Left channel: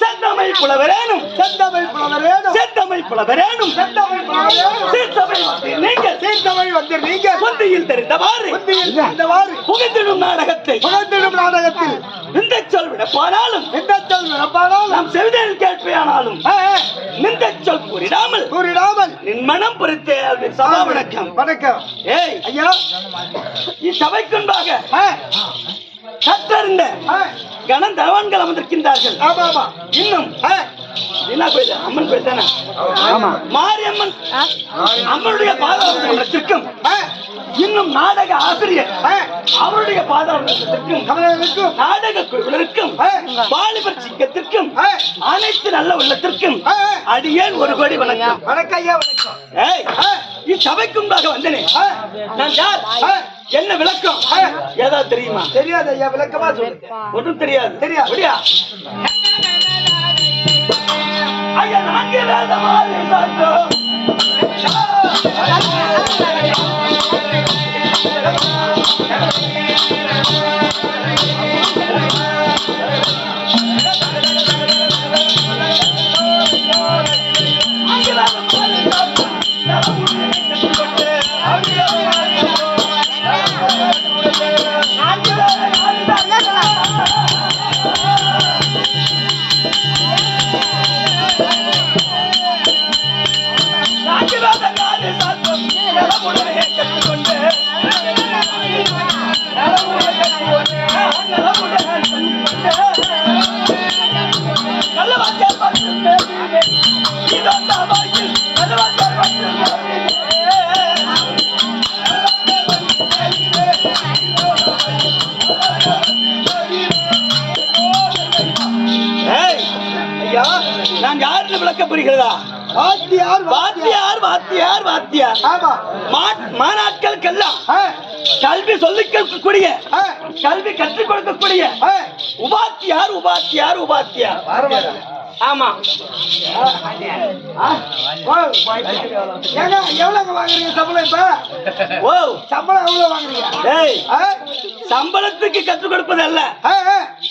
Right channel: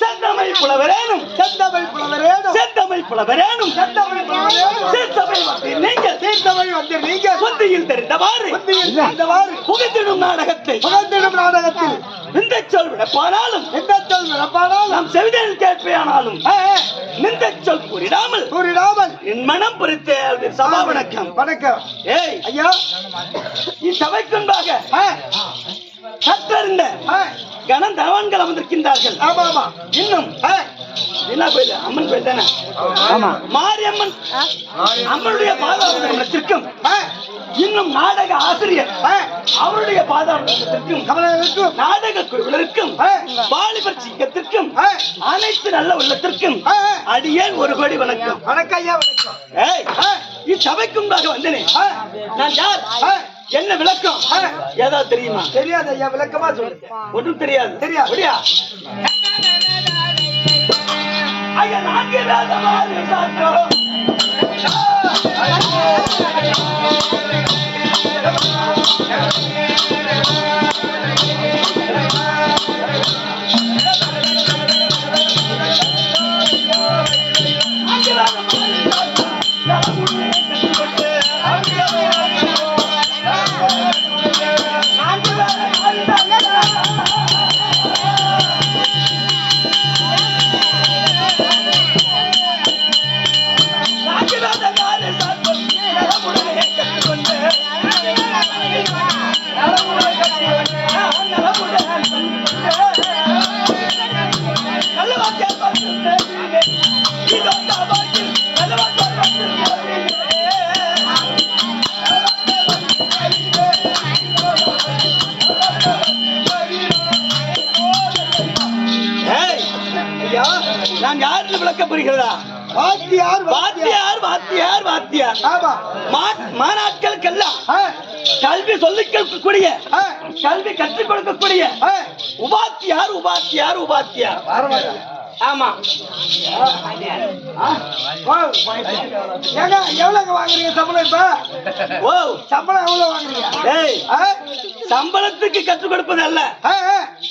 செந்தமிழ் புலவரேனும் நீங்கள் புத்தியில் தெரிந்தவாறு புகைத்திடும் நாடகத்தில் இந்த சொல் விடப்பானாலும் நாம் செவிதல் கேட்பேனாலும் இந்த சொல் கூறிடாமல் என் மனம் பொறுத்தே சபா வணக்கம். ஏய் ஐயா, இச்சபைக்குன்பாக கற்றறிந்த கணந்தனவான்கள் அமர்ந்திருக்கின்றார்கள். இன்னும் என்ன கோயில்? அம்மன் கோயில் தானே? மாரியம்மன் அம்மனுடைய பாதாளத்திற்கும் இன்னும் நாடக ஆசிரியர் அவருடைய பாதாளத்திற்கும் நாடக குழுவினருக்கும் வாலிபர் சிங்கத்திற்கும் அனைத்து நல்ல உள்ளத்திற்கும் அடியேன் ஒரு கோடி வணக்கம். இச்சபைக்கும்பாக வந்தனே நான் யார், என்ன விளக்கம் ஏதாவது தெரியுமா? தெரியாது ஐயா, விளக்கமா சொல்லு. ஒன்றும் தெரியாது. ஐயா, நான்கு வேதமாறு சாற்றோம். நான் யாருன்னு விளக்க புரிகிறதா? மாநாட்களுக்கெல்லாம் கல்வி சொல்லிக் கொடுக்கக்கூடிய, கல்வி கற்றுக் கொடுக்கக்கூடிய உபாத்தியார். ஆமா, எவ்வளவு வாங்குறீங்க சம்பளம்? இப்ப சம்பளம் எவ்வளவு வாங்குறீங்க? சம்பளத்துக்கு கற்றுக் கொடுப்பது அல்ல,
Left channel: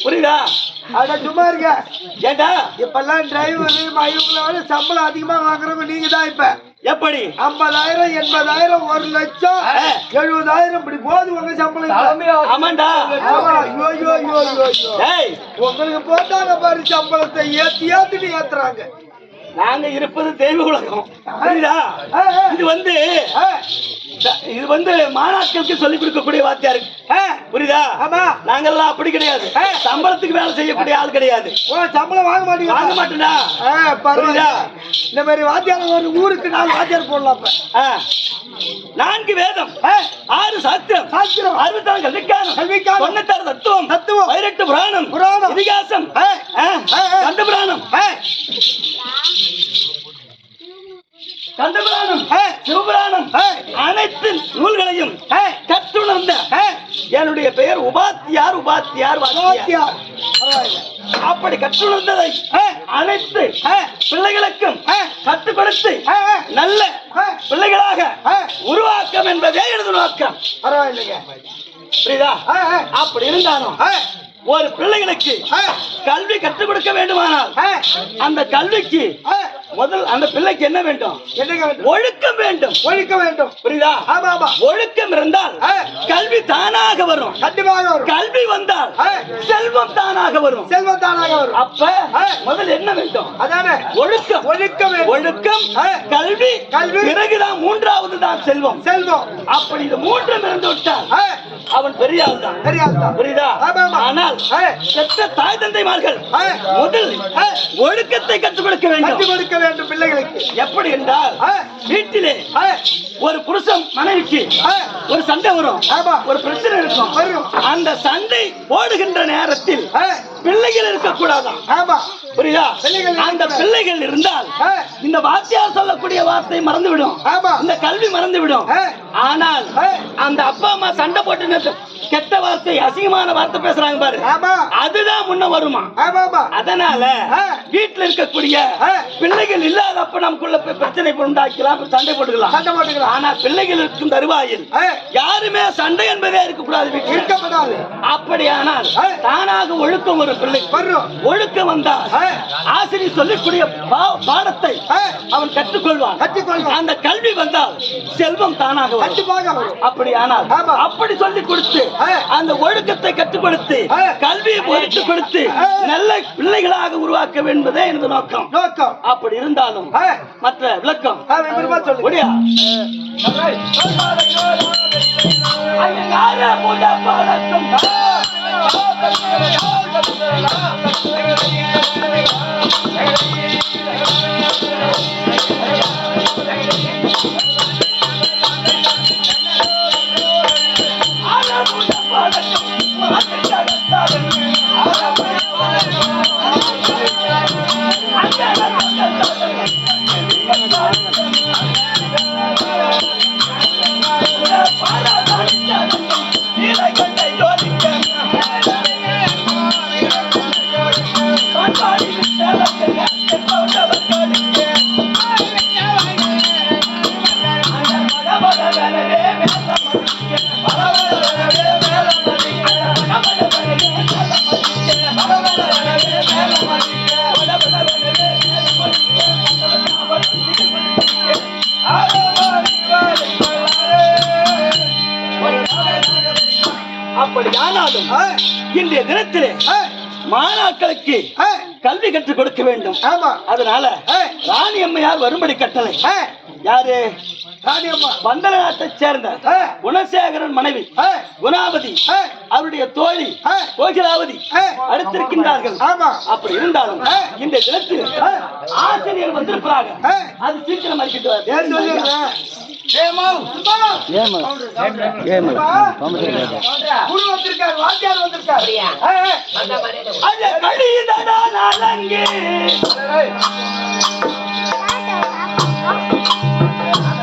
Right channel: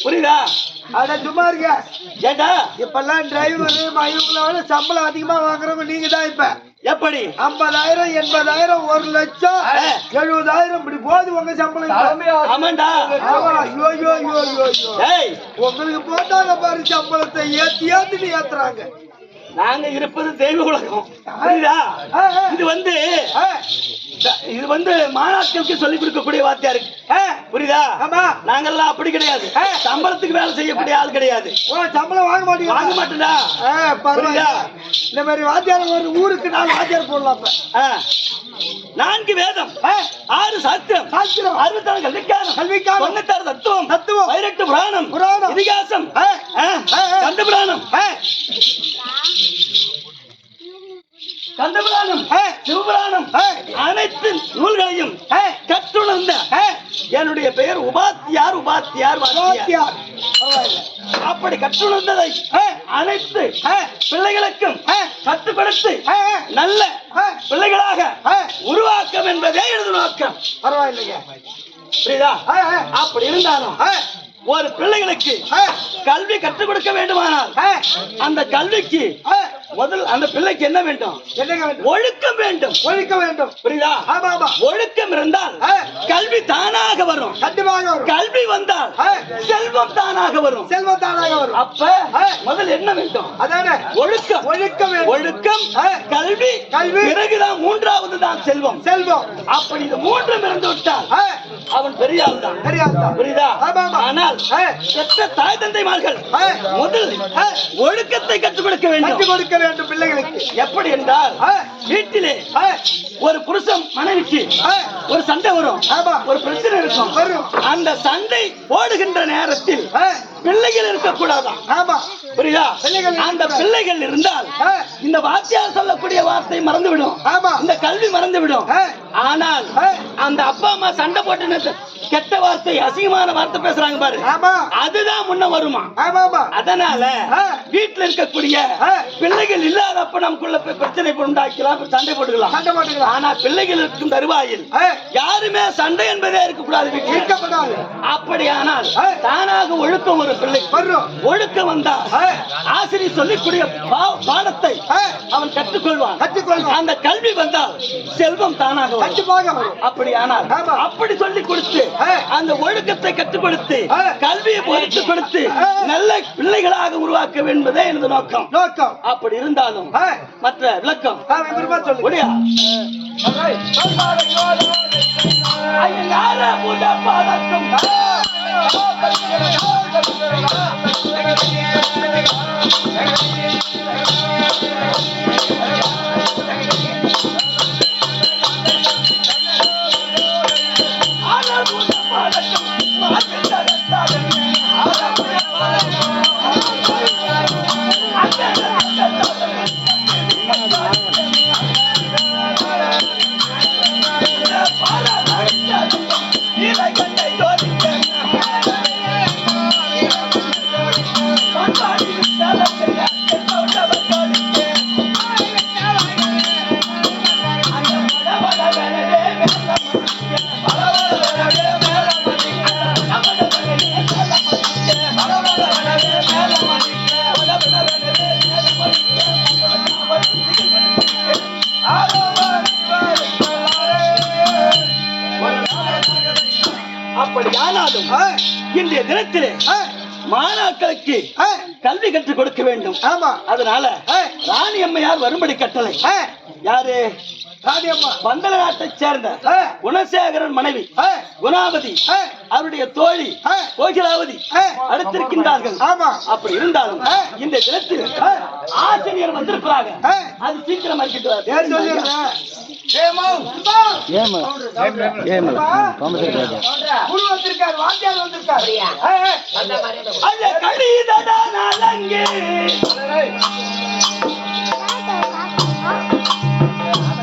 புரியுதா? அட சும்மா இருக்க. ஏண்டா இப்பெல்லாம் டிரைவர் மயிலோட சம்பளம் அதிகமா வாங்குறவங்க நீங்க தான். இப்ப எப்படி 50,000, 80,000, 1 லட்சம், 70,000 இப்படி போது உங்க சம்பளம். ஆமாண்டா. உங்களுக்கு போட்டாங்க பாரு சம்பளத்தை, ஏத்தி ஏத்துறாங்க. நாங்க இருப்பது தெய்வ உலகம், புரியுதா? இது வந்து மாநாட்களுக்கு சொல்லிக் கொடுக்கக்கூடிய வாத்தியாரு, புரியுதா? நாங்கெல்லாம் அப்படி கிடையாது. சம்பளத்துக்கு வேலை செய்யக்கூடிய ஆள் கிடையாது. சம்பளம் வாங்க மாட்டேன்டா. புரியுதா? இந்த மாதிரி வாத்தியார் ஒரு ஊருக்கு 4 வாத்தியார் போடலாம். 4 வேதம், 6 சாஸ்திரம், 66 கல்விக்கானம், 96 தத்துவம், 18 புராணம், இதிகாசம், கந்த புராணம், சிவபுராணம், அனைத்து நூல்களையும் கற்றுணர்ந்த என்னுடைய பெயர் உபாத்தியார். அப்படி கற்றுணர்ந்ததை அனைத்து பிள்ளைகளுக்கும் கற்றுக் கொடுத்த கொடுத்து நல்ல பிள்ளைகளாக உருவாக்கம் என்பதே எனது நோக்கம். பரவாயில்லைங்க. புரியுதா? அப்படி இருந்தாலும் ஒரு பிள்ளைகளுக்கு கல்வி கற்றுக் கொடுக்க வேண்டுமானால் அந்த கல்விக்கு முதல் அந்த பிள்ளைக்கு என்ன வேண்டும்? ஒழுக்கம் வேண்டும். ஒழுக்க வேண்டும். புரியுதா? ஆமா ஆமா. ஒழுக்கம் இருந்தால் கல்வி தானாக வரும். கண்டிப்பாக வரும். கல்வி வந்தால் செல்வம் தானாக வரும். செல்வம் தானாக வரும். அப்ப முதல் என்ன வேண்டும்? அதானே ஒழுக்கம். ஒழுக்கம் வேண்டும். ஒழுக்கம், கல்வி, கல்வி, பிறகுதான் மூன்றாவது தான் செல்வம். செல்வம். அப்படி இது மூன்றும் இருந்து விட்டால் அவன் பெரிய ஆள் தான். பெரிய ஆள் தான். புரியுதா? ஆமா ஆமா. ஆனால் பெற்ற தாய் தந்தைமார்கள் முதல் ஒழுக்கத்தை கற்றுக் கொடுக்க வேண்டும். கற்றுக் கொடுக்க வேண்டும் பிள்ளைகளுக்கு. எப்படி என்றால் வீட்டிலே ஒரு புருஷன் மனைவிக்கு ஒரு சண்டை வரும். ஒரு பிரச்சனை இருக்கும். அந்த சண்டை போடுகின்ற நேரத்தில் பிள்ளைகள் இருக்கக்கூடாதான். ஆமா. புரியுதா? அந்த பிள்ளைகள் இருந்தால் இந்த வாத்தியார் சொல்லக்கூடிய வார்த்தை மறந்துவிடும். இந்த கல்வி மறந்துவிடும். ஆனால் அந்த அப்பா அம்மா சண்டை போட்டு கெட்ட வார்த்தை, அசிங்கமான வார்த்தை பேசுறாங்க பாரு, அதுதான் முன்ன வருமா. அதனால வீட்டுல இருக்கக்கூடிய பிள்ளைகள் இல்லாதப்ப நமக்குள்ள பிரச்சனை உண்டாக்கலாம், சண்டை போட்டுக்கலாம். ஆனா பிள்ளைகள் இருக்கும் தருவாயில் யாருமே சண்டை என்பதே இருக்கக்கூடாது வீட்டில். அப்படியானால் தானாக ஒழுக்கம் ஒரு பிள்ளை ஒழுக்கம் வந்தால் ஆசிரியர் சொல்லிக்கூடிய பாடத்தை அவன் கற்றுக்கொள்வான். அந்த கல்வி வந்தால் செல்வம் தானாக வரும். அப்படியானால் அப்படி சொல்லிக் கொடுத்து அந்த ஒழுக்கத்தை கற்றுக் கொடுத்து கல்வியை பொறுத்து கொடுத்து நல்ல பிள்ளைகளாக உருவாக்க என்பதே எனது நோக்கம். அப்படி இருந்தாலும் மற்ற விளக்கம் முடியா? அப்படியானாலும் இன்றைய தினத்திலே மாணாக்களுக்கு கல்வி கற்றுக் கொடுக்க வேண்டும். அதனால ராணி அம்மையார் வரும்படி கட்டளை. யாரு? பந்தல நாட்டை சேர்ந்த குணசேகரன் மனைவி குணாவதி, அவருடைய தோழி கோகிலாவதி அடுத்திருக்கின்றார்கள். அப்படி இருந்தாலும் இந்த தினத்தில் ஆசிரியர் வந்திருக்கிறாங்க. அது சீக்கிரம்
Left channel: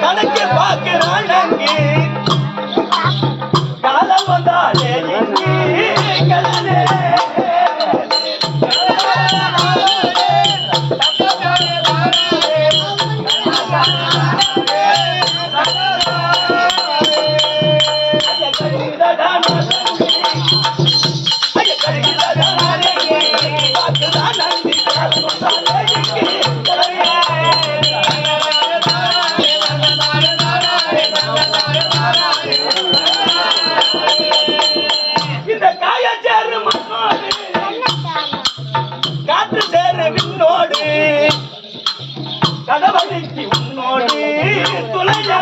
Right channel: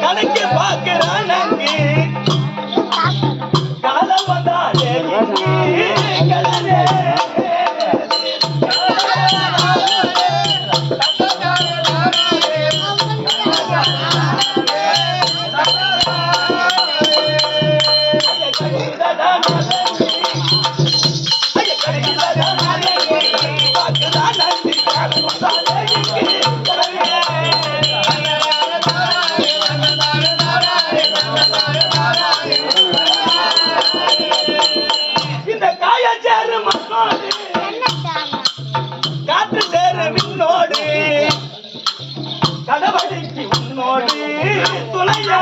கணக்கு பார்க்கிறான் அங்கே காலம் வந்தாலே கடலே இந்த காயச்சேரு மண்ணோடு காற்று சேரு விண்ணோடு கடவுளைக்கு உன்னோடு துணையா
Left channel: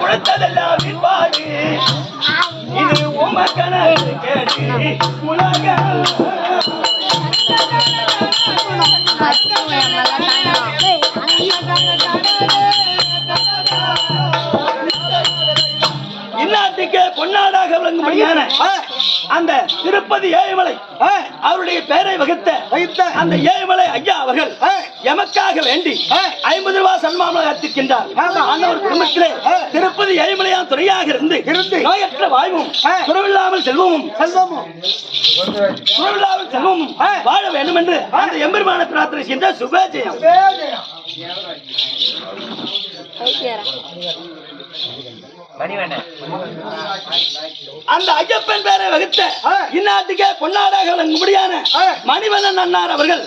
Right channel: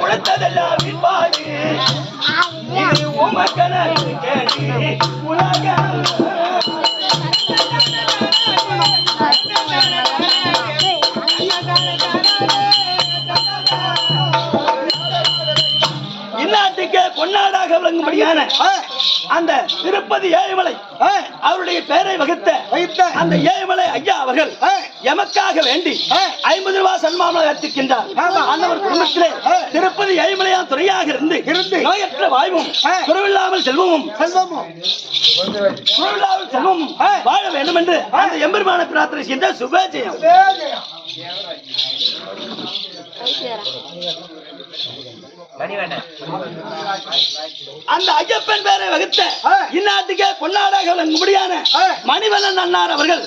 உழைத்ததெல்லாம் விற்பாடு இது உமக்கணக்கு கேட்டு உலக இந்நாட்டு இந்நாட்டுக்கே பொன்னாடாக விளங்கும்படியான அந்த திருப்பதி ஏழுமலை அவருடைய பெயரை வகித்த அந்த ஏழுமலை ஐயா அவர்கள் எமக்காக வேண்டி 50 ரூபாய் சன்மானம் ஏற்றிருக்கின்றார். அன்னவர் குடும்பத்திலே திருப்பதி ஏழுமலையான் துணையாக இருந்து நோயற்ற வாழ்வும் குறைவில்லாமல் செல்வமும் வாழ வேண்டும் என்று அந்த எம்பெருமான பிரார்த்தனை செய்த சுபஜெயம். அந்த ஐயப்பன் பேரை வகுத்த இந்நாட்டுக்கே பொன்னாடாக விளங்கும்படியான மணிவண்ணன் அண்ணார் அவர்கள்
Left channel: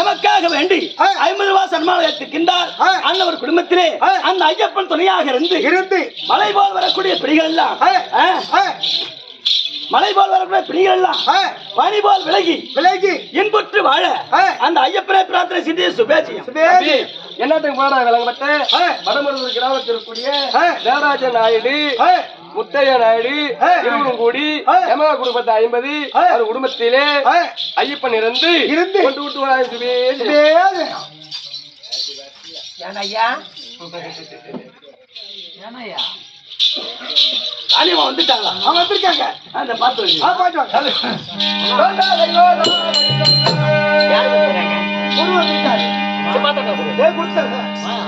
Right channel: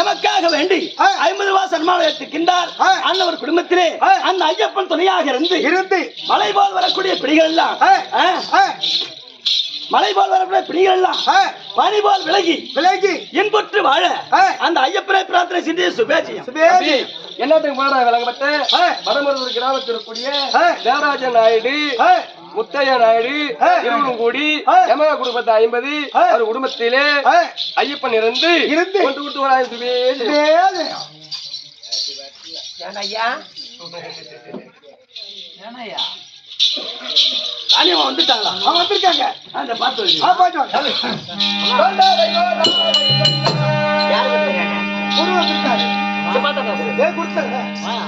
எமக்காக வேண்டி 50 ரூபாய் சன்மானம் ஏற்றுக்கின்றார். அன்னவர் குடும்பத்திலே அந்த ஐயப்பன் துணையாக இருந்து மலை போல் வரக்கூடிய பிடிகள் எல்லாம் பனி போல் விலகி இன்புற்று வாழ அந்த ஐயப்பனை பிரார்த்தனை செய்த சுபேஜியம். என்னத்துக்கு போன விளங்கப்பட்ட வடமருதூர் கிராமத்தில் இருக்கக்கூடிய தேவராஜ நாயுடு, முத்தைய நாயுடு இருவரும் கூடி எமக குடும்பத்தை 50 அவர் குடும்பத்திலே ஐயப்பன் இருந்து கொண்டு விட்டு வராங்க. வந்துட்டாங்களா? வந்திருக்காங்க. அந்த பாத்து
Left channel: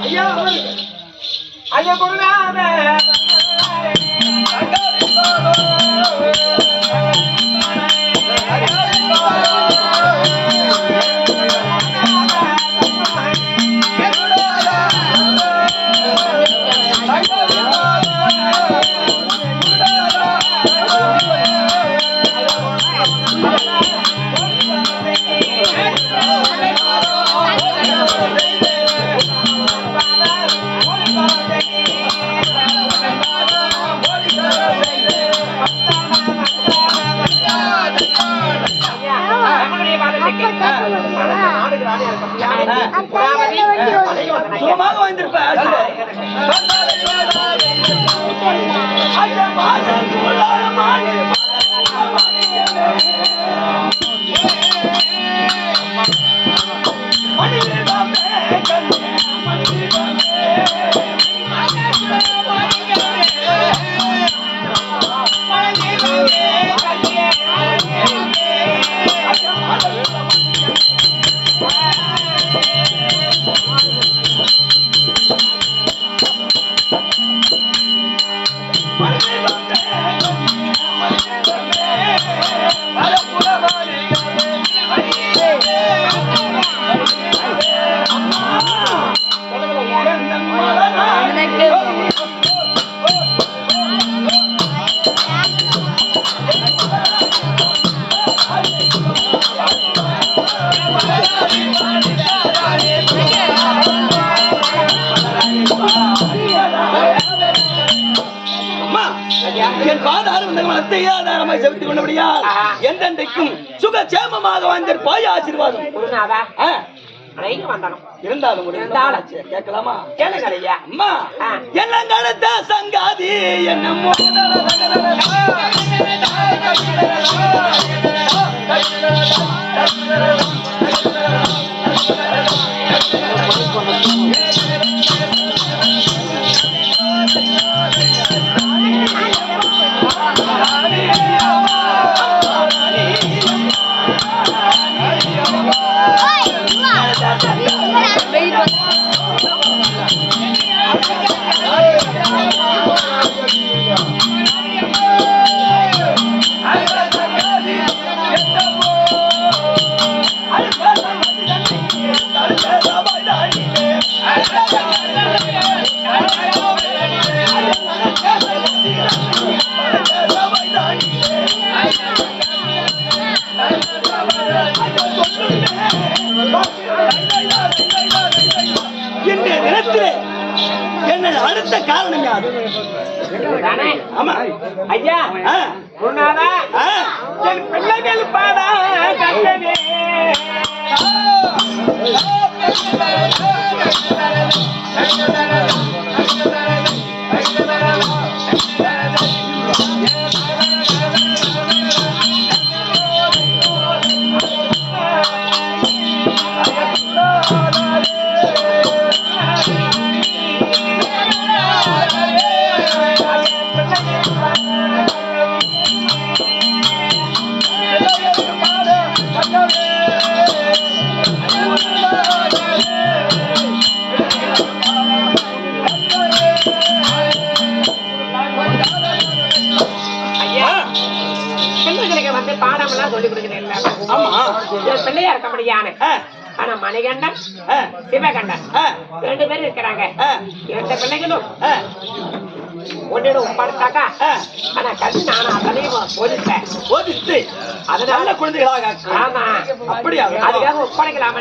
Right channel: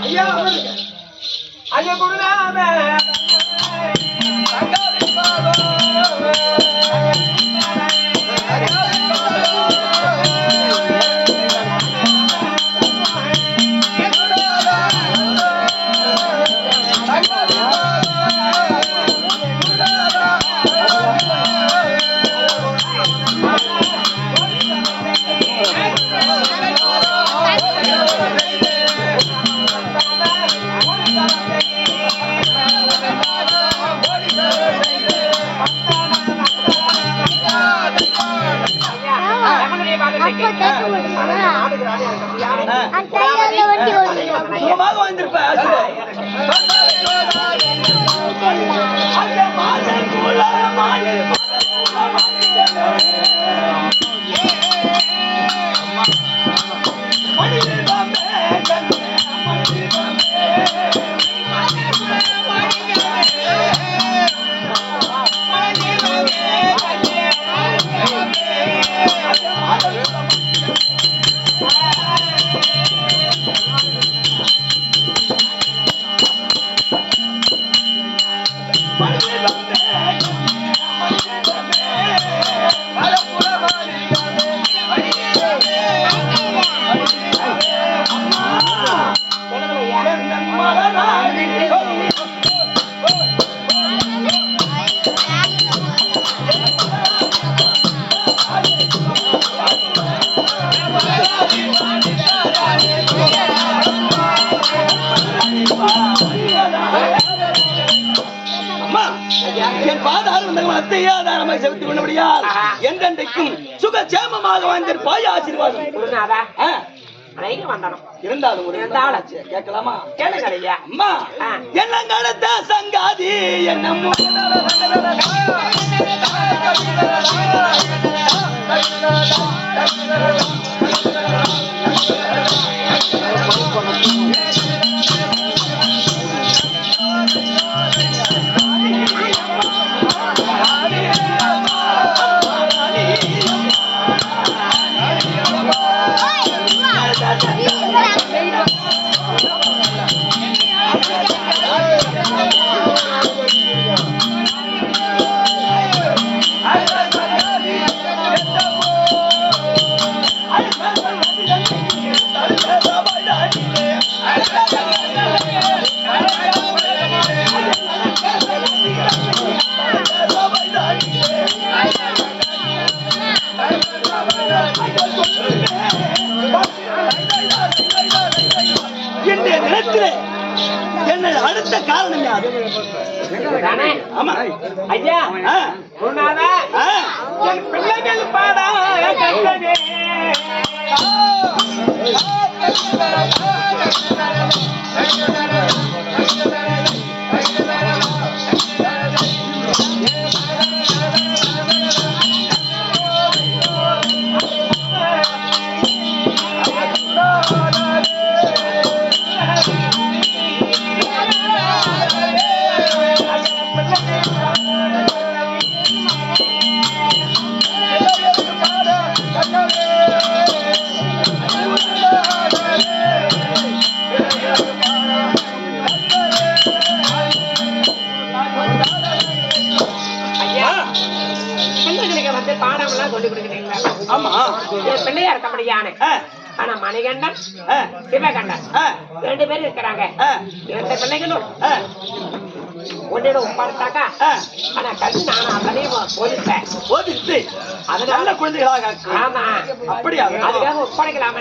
ஐயா ஐயா கொடுங்க. சுகமாக வாழ்ந்திருப்ப என் பாதாறு வந்தவளத்தை ஆதாரமாய் செலுத்திக் கொண்டபடியால் என்றென்றைக்கும் சுகச்சேமமாக வாழ்ந்திருப்பாய். ஆசீர்வாதம் இருந்தாலும் கேட்கலாமா? கேளுங்க. அம்மா என்னங்கடத்த சங்காதி என்னமோ இன்றைய தினத்திலே என்ன அடுத்த காரணம் யாது? ஆமா ஐயா, என் பிள்ளைகள் பாட கண்டனே பாடம் எல்லாம் சொல்லி கொடுக்குறீங்களா? ஆமா. என் பிள்ளையா இருக்கபடியான ஆனா மணிகண்டன் சிவகண்டன் 2 பேரும் இருக்கிறாங்க. 2 பிள்ளைகளும் ஒன்னிடம் ஒப்படைத்தாக்கா ஆனா கல்வி நானும் அதனையும் போதித்து அதனால குழந்தைகளாக. ஆமா, அப்படியா? அதுக்காக ஒப்படைக்கலாம்.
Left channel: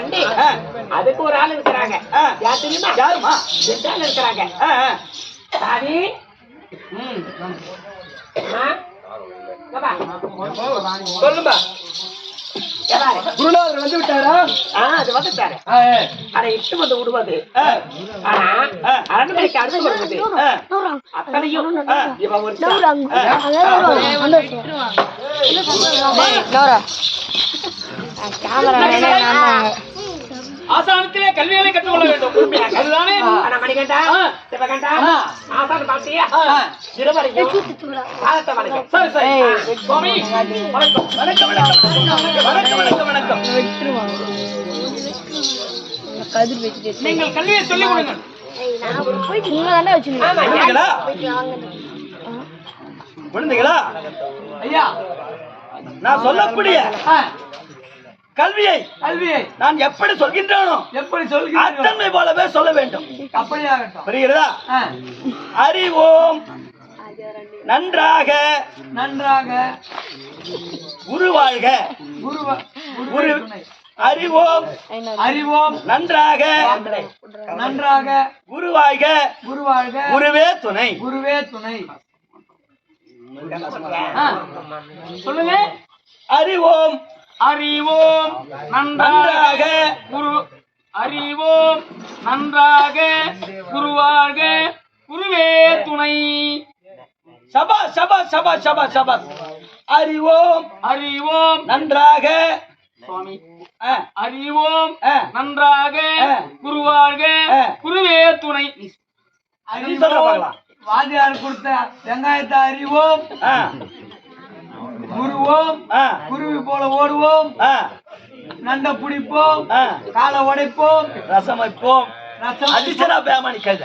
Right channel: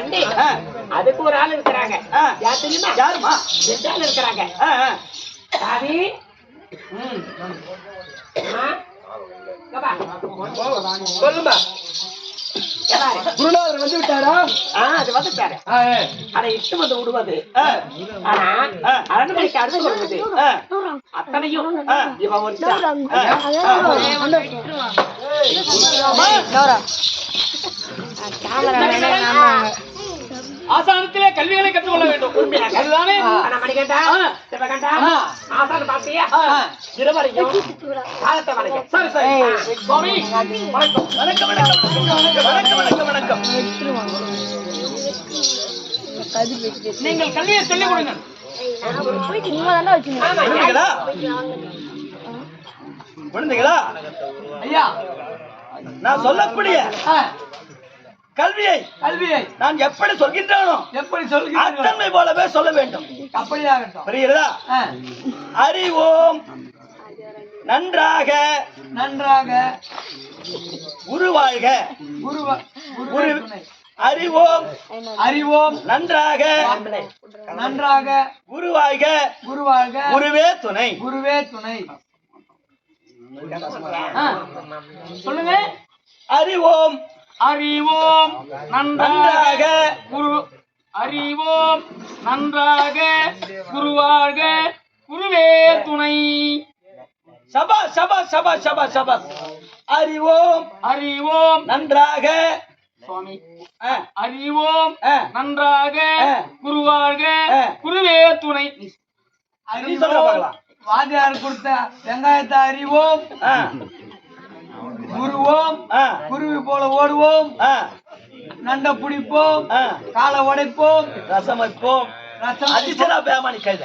அதுக்கு ஒரு ஆள் இருக்கிறாங்க. யார் தெரியுமா? யாருமா? 2 ஆள் இருக்கிறாங்க. சாவி சொல்லுமா. குருநாதர் வந்து விட்டாரா? அது வந்துட்டாரு. அதை இட்டு வந்து விடுவது. ஆனா அரண்மனைக்கு அடுத்து வருவது அத்தனையும் இவன் ஒரு ஆசானத்திலே கல்விகளை கற்றுக்கொள்ள வேண்டும். அதுதானே மணிகண்டா சிவகண்டா ஆசான பாத்தியா இருவரையும் காலத்தை வணக்கம். சரி சரி சுவாமி வணக்கம். வணக்கம் வணக்கம் வணக்கம் வணக்கம். நீங்கள் கல்வியை சொல்லிக் கொடுங்கள். குழந்தைகளா ஐயா, நான் சொல்லக்கூடிய கல்வியை நான் எப்படி சொல்கின்றேனோ அத்தன்மை போலவே சொல்ல வேண்டும். அப்படியாகட்டும். புரிகிறதா? அறிவோம் நன்றாக குருவாழ்க. அறிவோம் நன்றாக குருவாழ்க. குருவே துணை. சொல்லுங்க. அறிவோம் நன்றாக குருவாழ்க. குருவே துணை. சபாஸ் சபாஸ் சபாஸ் சபாஸ் சபாஸ். அறிவோம் நன்றாக சுவாமி. அறிவோம் நன்றாக குருவாழ்க. குருவே துணை. வாத்தியார் கொடுத்த வெங்காயத்தை அறிவோம், குருவோம், குருவி போல ஓடுவோம், நண்ட பிடிப்போம், காலை உடைப்போம், ரசம் வைப்போம். அடிச்சனா பேமானி கழுத.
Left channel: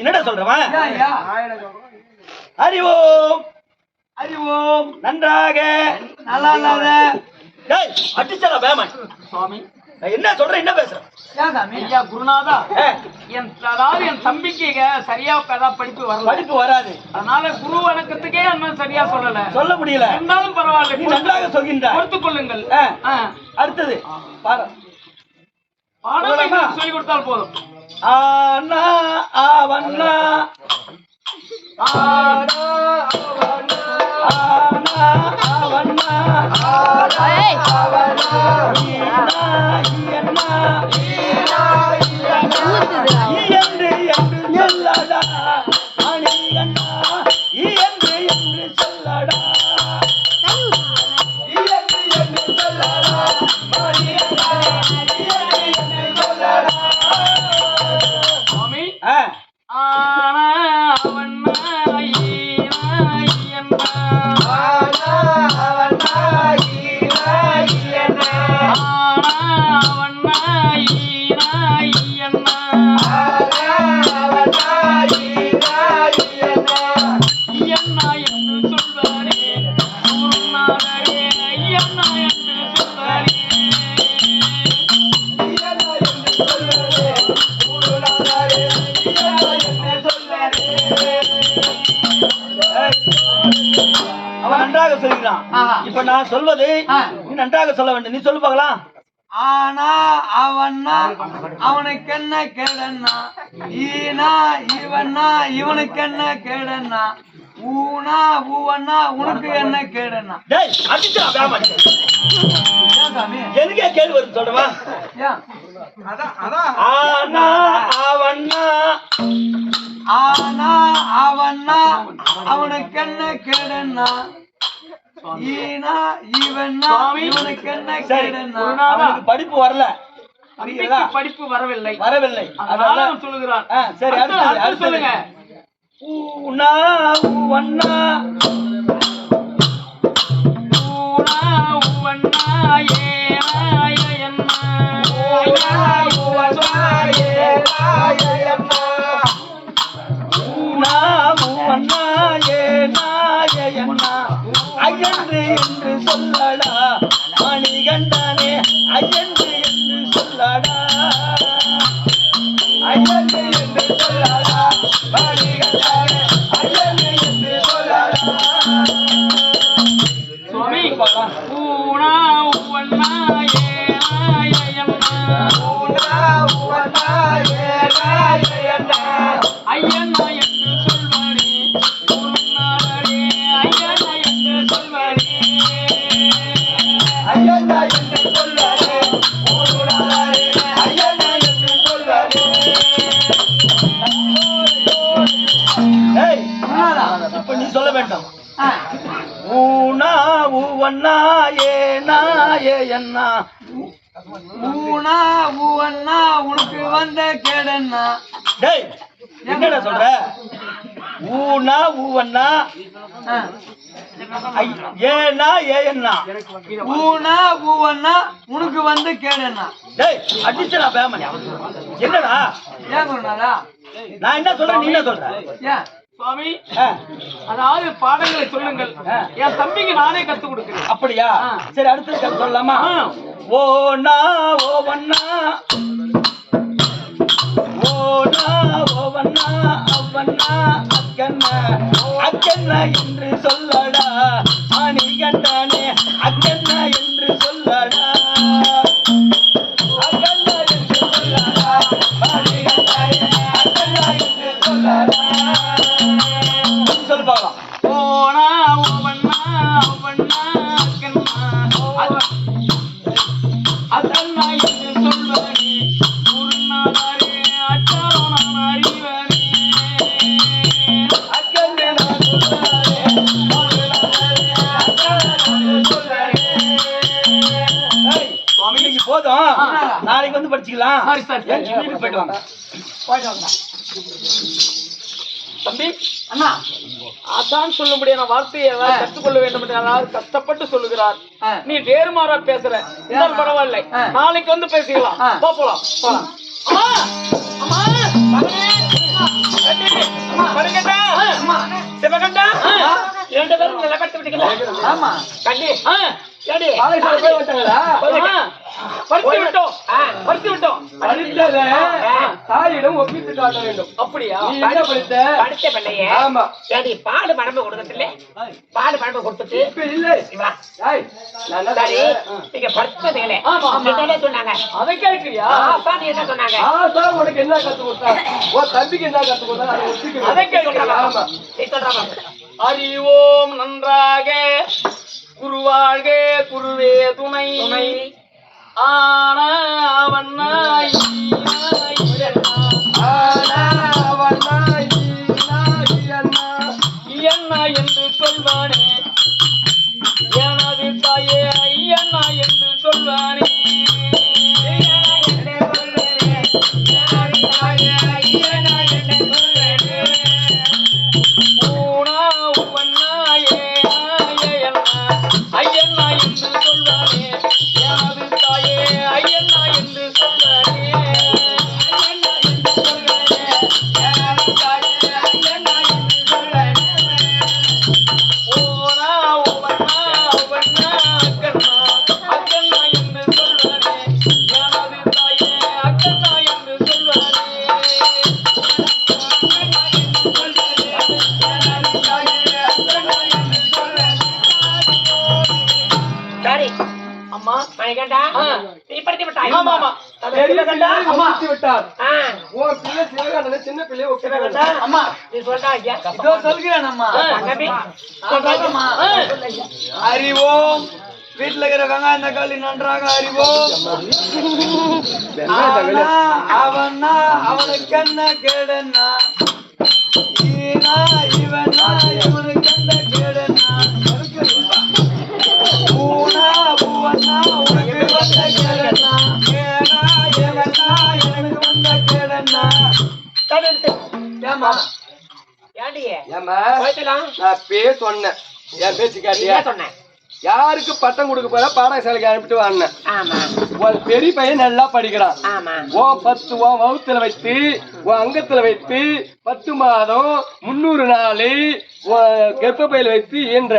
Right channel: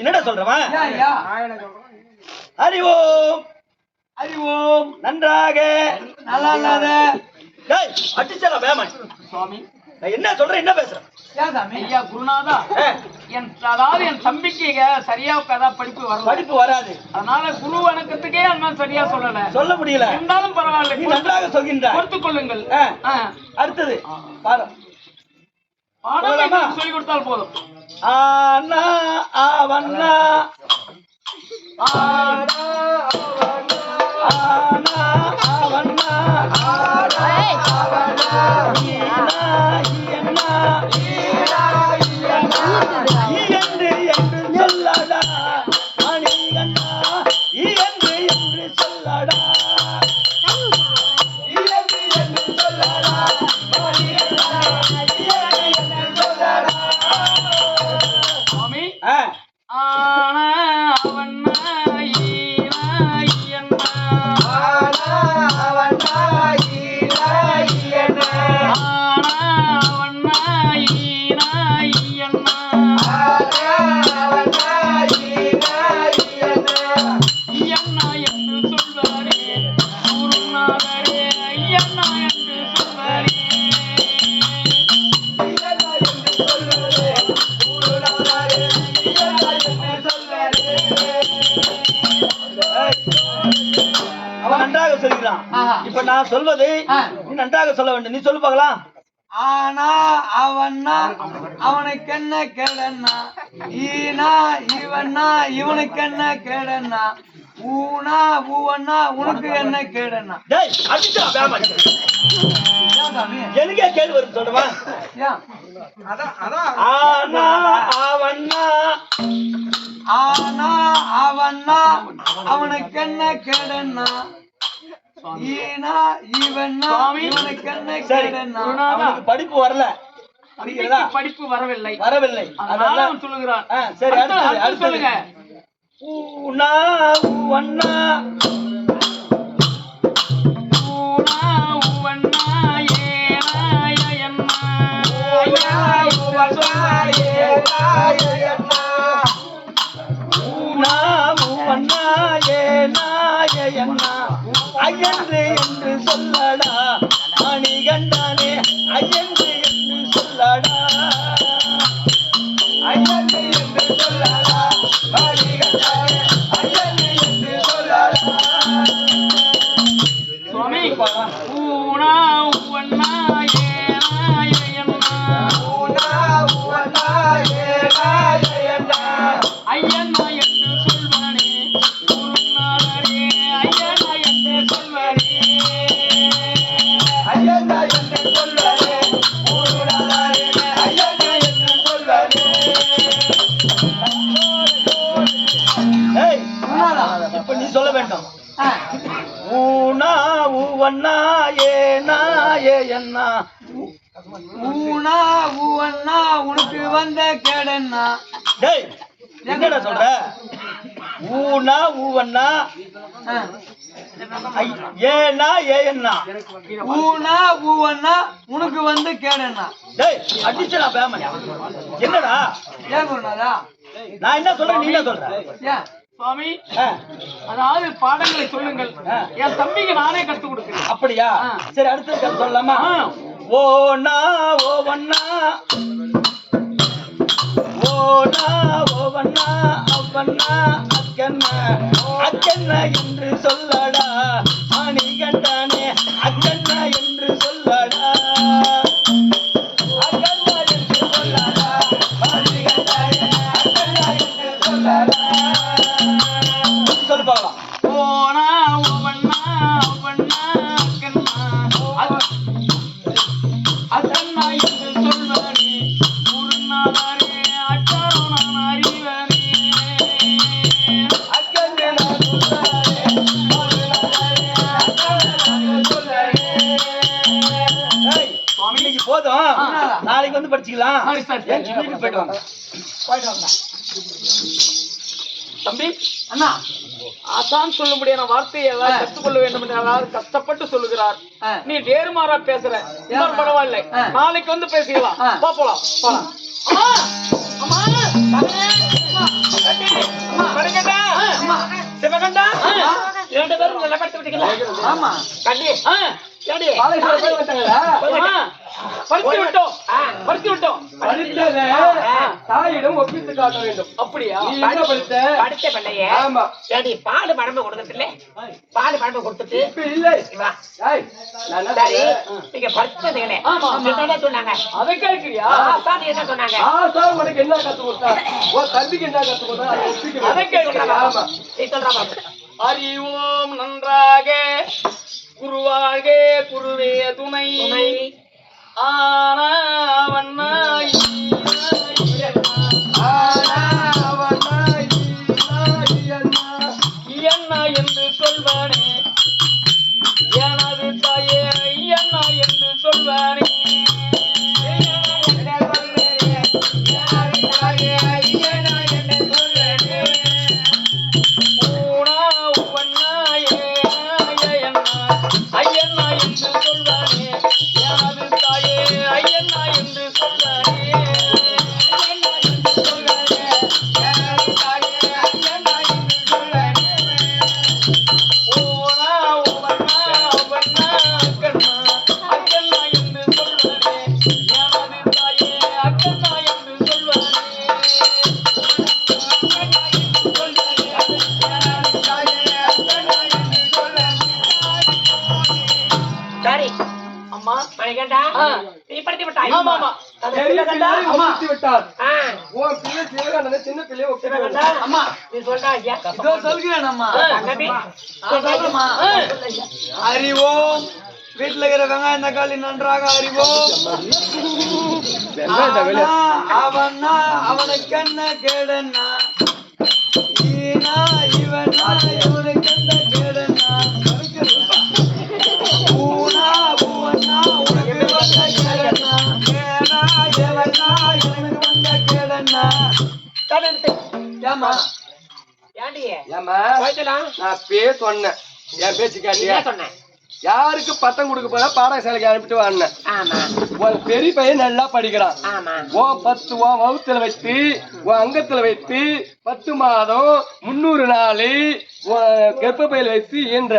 என்னடா சொல்றவன்? அறிவோம் நன்றாக அடிச்சனா பேமானி. சுவாமி என்ன சொல்ற? என்ன பேசுறேன்? ஐயா குருநாதா, அதாவது என் தம்பிக்கு சரியா படிப்பு வராது. அதனால குரு வணக்கத்துக்கே அண்ணன் சரியா சொல்ல முடியல. இருந்தாலும் பரவாயில்ல, நன்றாக சொல்கின்றார். பொறுத்துக் கொள்ளுங்கள். அடுத்தது பாடம் சொல்லிக் கொடுத்தால் போதும். ஆனா அவனா என்று சொல்லடா மணிகண்டா, என்று சொல்லடா சுவாமி. ஆனா அவன் நன்றாக சொல்கிறான். இப்ப நான் சொல்வதை நீ நன்றாக சொல்ல வேண்டும். நீ சொல்லு பார்க்கலாம். ஆனா அவன்னா அவனுக்கு என்ன கேடன்னா, ஈனா இவன்னா இவனுக்கு என்ன கேடன்னா, ஊனா ஊவன்னா உனக்கு என்ன கேடன்னா. டேய் அடிச்சா பேமானி. எனக்கே கேள்வி வரும் சொல்றவா? ஆனா அவன்னா அவனுக்கு என்ன கேடன்னா, ஈனா இவன்னா இவனுக்கு என்ன கேடன்னா. அவனுக்கு படிப்பு வரல. படிப்பு வரவில்லை. அதனால சொல்லுகிறான். சரி அடுத்து சொல்லுங்க. ஊனா ஊவன்னா என்று என்று சொல்லடா மணிகண்டனே ஐயன்று என்று சொல்லடா ஐயன்று என்று சொல்லடா மணிகண்டனே ஐயன்று என்று சொல்லடா சுவாமி ஊனா உவண்ணா ஏனா ஏயண்ணா ஊனா உவண்ணா ஏனா ஏயண்ணா ஐயண்ணா என்று சொல்வானே குருநாதரே ஐயண்ணா என்று சொல்வானே ஐயண்ணா என்று சொல்லடே ஊருடாரே ஐயண்ணா என்று சொல்லடே ஏய் இப்ப நீ சொல்ல வேண்டும் ஊனா ஊவண்ணா ஏனா ஏயண்ணா ஊனா ஊவண்ணா உனக்கு வந்த கேடண்ணா. டேய் என்னடா சொல்ற ஊனா ஊவண்ணா ஏனா ஏயண்ணா ஊனா ஊவண்ணா உனக்கு வந்து கேடண்ணா. டேய் அடிச்சடா பேமன் என்னடா ஏன் குருநாதா? நான் என்ன சொல்றேன் நீ என்ன சொல்ற ஏன் சுவாமி ஆ, அதாவது பாடங்களை சொல்லுங்கள் என் தம்பிக்கு நானே கத்து கொடுக்கிறேன். அப்படியா சரி அடுத்தது கதை சொல்லலாமா ஓனா ஓவண்ணா ஓனா ஓவண்ணா அவ்வண்ணா அக்கண்ணா அக்கண்ணா என்று சொல்லடா மணிகண்டனே அக்கண்ணா என்று சொல்லடா அக்கண்ணா என்று சொல்லடா மணிகண்டனே அக்கண்ணா என்று சொல்லடா சொல்லு பார்க்கலாம் ஓனா ஓவண்ணா அவ்வண்ணா அக்கண்ணா அக்கண்ணா என்று சொல்வானே குருநாதரே அச்சாரோ நான் அறிவனே அக்கண்ணே நான் சொல்றேன் சுவாமி இன்னைக்கு போதும் நாளைக்கு வந்து படிச்சுக்கலாம் சரி, சரி. என் வீட்டுக்கு போயிட்டு வாங்க தம்பி அண்ணா அதான் சொல்லும்படியான வார்த்தையை ஏதாவது கற்றுக்கொள்ள வேண்டும் என்று அதாவது கஷ்டப்பட்டு சொல்லுகிறார். நீ வேறுமாறா பேசுற இருந்தாலும் பரவாயில்லை, நாளைக்கு வந்து பேசிக்கலாம். வா போலாம் போலாம். அம்மா அம்மா மகனே கண்டி மணிகண்டா சிவகண்டா இரண்டு பேரும் நல்லா படுத்து விட்டீங்களா? ஆமா கண்டி ஏடி பாலகிருஷ்ணன் போய் வந்துட்டாங்களா? படுத்து விட்டோம் படுத்து விட்டோம். படித்ததை தாயிடம் ஒப்பித்து காட்ட வேண்டும். அப்படியா? நீ என்ன படித்த? படித்த பிள்ளையே ஆமா சரி பாடு மடம்பு கொடுக்கறதுல பாடு மடம்பு கொடுத்துட்டு இப்ப இல்லை. வா. ஏய், நான் என்ன சரி சொல்றேன்? நீங்க படிச்சதுங்களே ஆமா, ஆமா. என்ன சொன்னாங்க? அதை கேட்கிறியா? பாதி என்ன சொன்னாங்க? ஆசா உனக்கு என்ன கத்து கொடுத்தா? உன் தம்பிக்கு என்ன கத்து கொடுத்தா? அதை ஒப்பிக்க அதை வேண்டும். கேட்கிறியா? ஆமா. நீ சொல்றாமா? அறிவோம் நன்றாக குருவாழ்க குருவே துணை ஆனா அவன்னா ஆனா அவனா ஈனா ஐயண்ணா என்று சொல்வானே எனது தாயே ஐயண்ணா என்று சொல்வானே ஊனா உவண்ணா ஏனா ஏயண்ணா ஐயண்ணா என்று சொல்வானே எனது தாயே ஐயண்ணா என்று சொல்வானே ஓனா உவண்ணா உவண்ணா அக்கண்ணா அக்கண்ணா என்று சொல்வானே எனது தாயே அக்கண்ணா என்று சொல்வானே சரி அம்மா மணிகண்டா நீ படித்து விட்டாய். ஆமா, ஆமா. அது சிவகண்டா ஒப்பித்து விட்டார். ஆ, உன் பிள்ளை சிவகாண்டனை சின்ன பிள்ளையை ஒப்பித்து சிவகண்டா விட்டார். அம்மா நீ சொல்றா ஐயா இதோ சொல்கிறேன் அம்மா. தங்கமே சொல்றாமா? அறிவோம் வீட்டுல இருக்கிற வெங்காயம் தக்காளி நன்றாக அறிவோம். ஆனா அவனா அவனுக்கு என்ன கேடன்னா ஈனா இவனா இவனுக்கு என்ன கேடன்னா ஊனா ஊவனா உனக்கு வந்த கேடன்னா ஏனா இவனா எனக்கு வந்த கேடன்னா. ஏமா ஏண்டி ஏமா போயிடலாம். நான் சொன்னேன் என் பேச்சு என்ன காட்டியா? சொன்னேன்? யாருக்கு பட்டம் கொடுக்க போதா பாடசாலைக்கு அனுப்பிட்டு வாங்க. ஆமா உன் பெரிய பையன் நல்லா படிக்கிறான். ஆமா உன் 10 உன் வகுத்துல வைத்து உன் அங்கத்துல வைத்து 10 மாதம் 300 நாள் உன் கர்ப்பப்பையில வைத்து ஈன்ற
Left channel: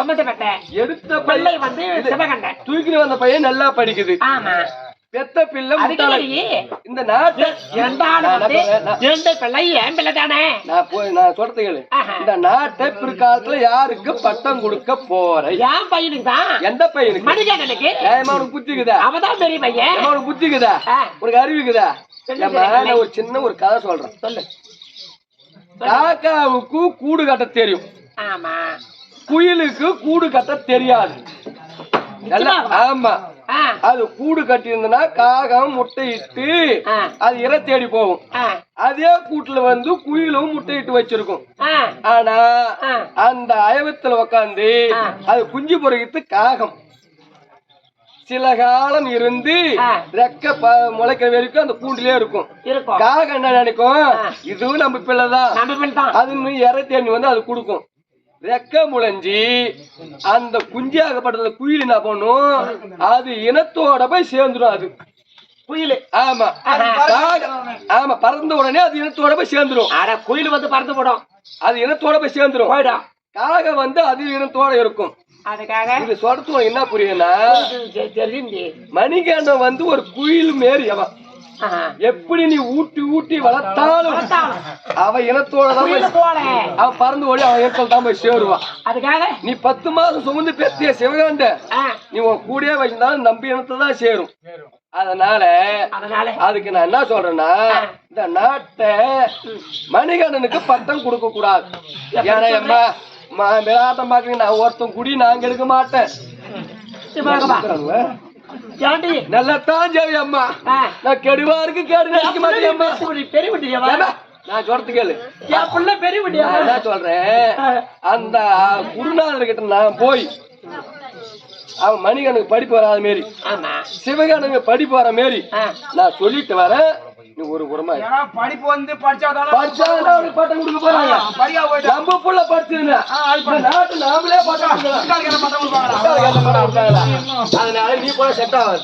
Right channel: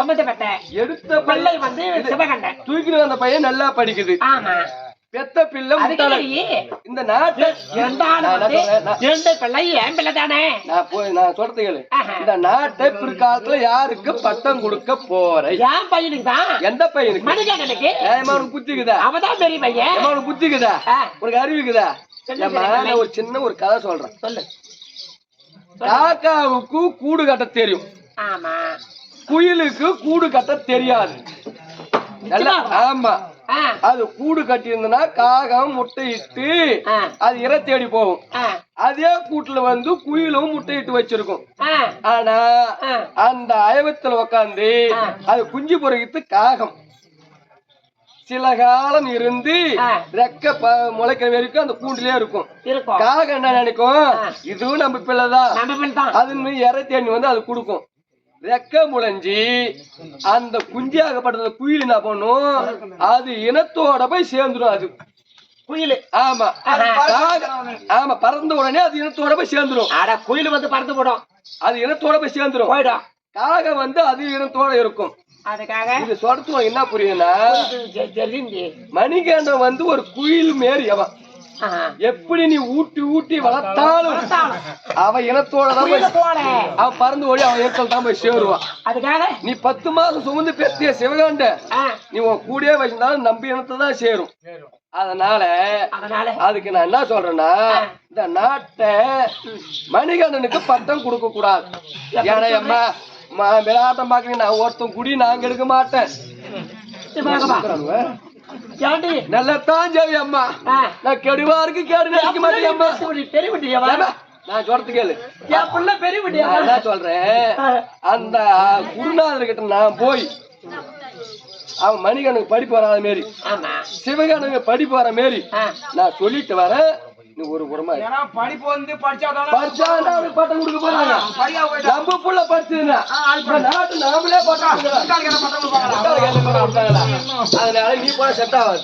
சம்பந்தப்பட்ட எடுத்த பிள்ளை வந்து சிவகண்டன். தூக்கிட்டு வந்த பையன் நல்லா படிக்குது. ஆமா. பெத்த பிள்ளை முட்டாள. இந்த நாட்டை இரண்டு பிள்ளை என் பிள்ளை தானே. நான் சொல்றது கேளு. இந்த நாட்டை பிற்காலத்துல யாருக்கு பட்டம் கொடுக்க போற? என் பையனுக்கு தான். எந்த பையனுக்கு? மணிகண்டனுக்கு. அவனுக்கு புத்திக்குதா? அவதான் பெரிய பையன். அவனுக்கு புத்திக்குதா? உனக்கு அறிவுக்குதா? ஒரு சின்ன ஒரு கதை சொல்றேன். சொல்லு. காக்காவுக்கு கூடு கட்ட தெரியும். ஆமா. குயிலுக்கு கூடு கட்ட தெரியாது. ஆமா. அது கூடு கட்டி இருந்தனா காகம் முட்டையிட்டு அது இறை தேடி போகும். அதே கூட்டுல வந்து குயிலும் முட்டையிட்டு வச்சிருக்கும். ஆனா அந்த அயவத்துல உக்காந்து அது குஞ்சு பொறுக்கிட்டு காகம் சில காலம் இருந்து ரெக்க முளைக்கிற வரைக்கும் அந்த கூண்டிலே இருக்கும். காகம் என்ன நினைக்கும், இதுவும் நம்ம பிள்ளைதான், அது இறை தேடி வந்து அது கொடுக்கும். ரெக்க முளைஞ்சி அந்த குஞ்சாகப்பட்ட குயில் என்ன பண்ணும், அது இனத்தோட போய் சேர்ந்துடும். அது குயில். ஆமா. ஆமா, பறந்த உடனே அது இனத்தோட போய் சேர்ந்துடும். குயில் வந்து பறந்து போடும், அது இனத்தோட போய் சேர்ந்துடும். காகம் வந்து அது இனத்தோட இருக்கும். இது சொல்றது என்ன புரியுதுன்னா, மணிகண்டன் வந்து ஒரு குயில் மாரி. அவன் எப்படி நீ ஊட்டி ஊட்டி வளர்த்தாலும் அவன் இனத்தோட அவன் பறந்து ஓடி அவன் இனத்தோட தான் போய் சேருவான். அதுக்காக நீ 10 மாசம் சுமந்து பெத்திய சிவகாண்ட நீ உன் கூடயே வச்சிருந்தாலும் நம்பி இனத்தை தான் சேரும். அதனால அதுக்கு நான் என்ன சொல்றேன்னா, இந்த நாட்டை மணிகண்டனுக்கு பட்டம் கொடுக்க கூடாது. ஏன்னா அம்மா விளையாட்டம் பாக்குறீங்க, நான் ஒருத்தன் குடி நாங்க எடுக்க மாட்டேன். நல்லத்தான் சரி அம்மா, நான் கெடுவாருக்கு கேடு நினைக்க மாட்டேன் அம்மா. நான் சொல்றது கேளு, என் பிள்ளை பெரிய என்ன சொல்றேன், அந்த குருநாதர் கிட்ட நான் போய் அவன் மணிகனுக்கு படிப்பு வராத மாரி சிவகனுக்கு படிப்பு வர மாரி நான் சொல்லிட்டு வரேன். நீ ஒரு புறமா படிப்பு வந்து படிச்சா பட்டம் கொடுக்க போறாங்க. நம்ம புள்ள படிச்சதுன்னா நாட்டு நாமளே பட்டம் கொடுப்பாங்களா? அதனால நீ போல செட் ஆகாது.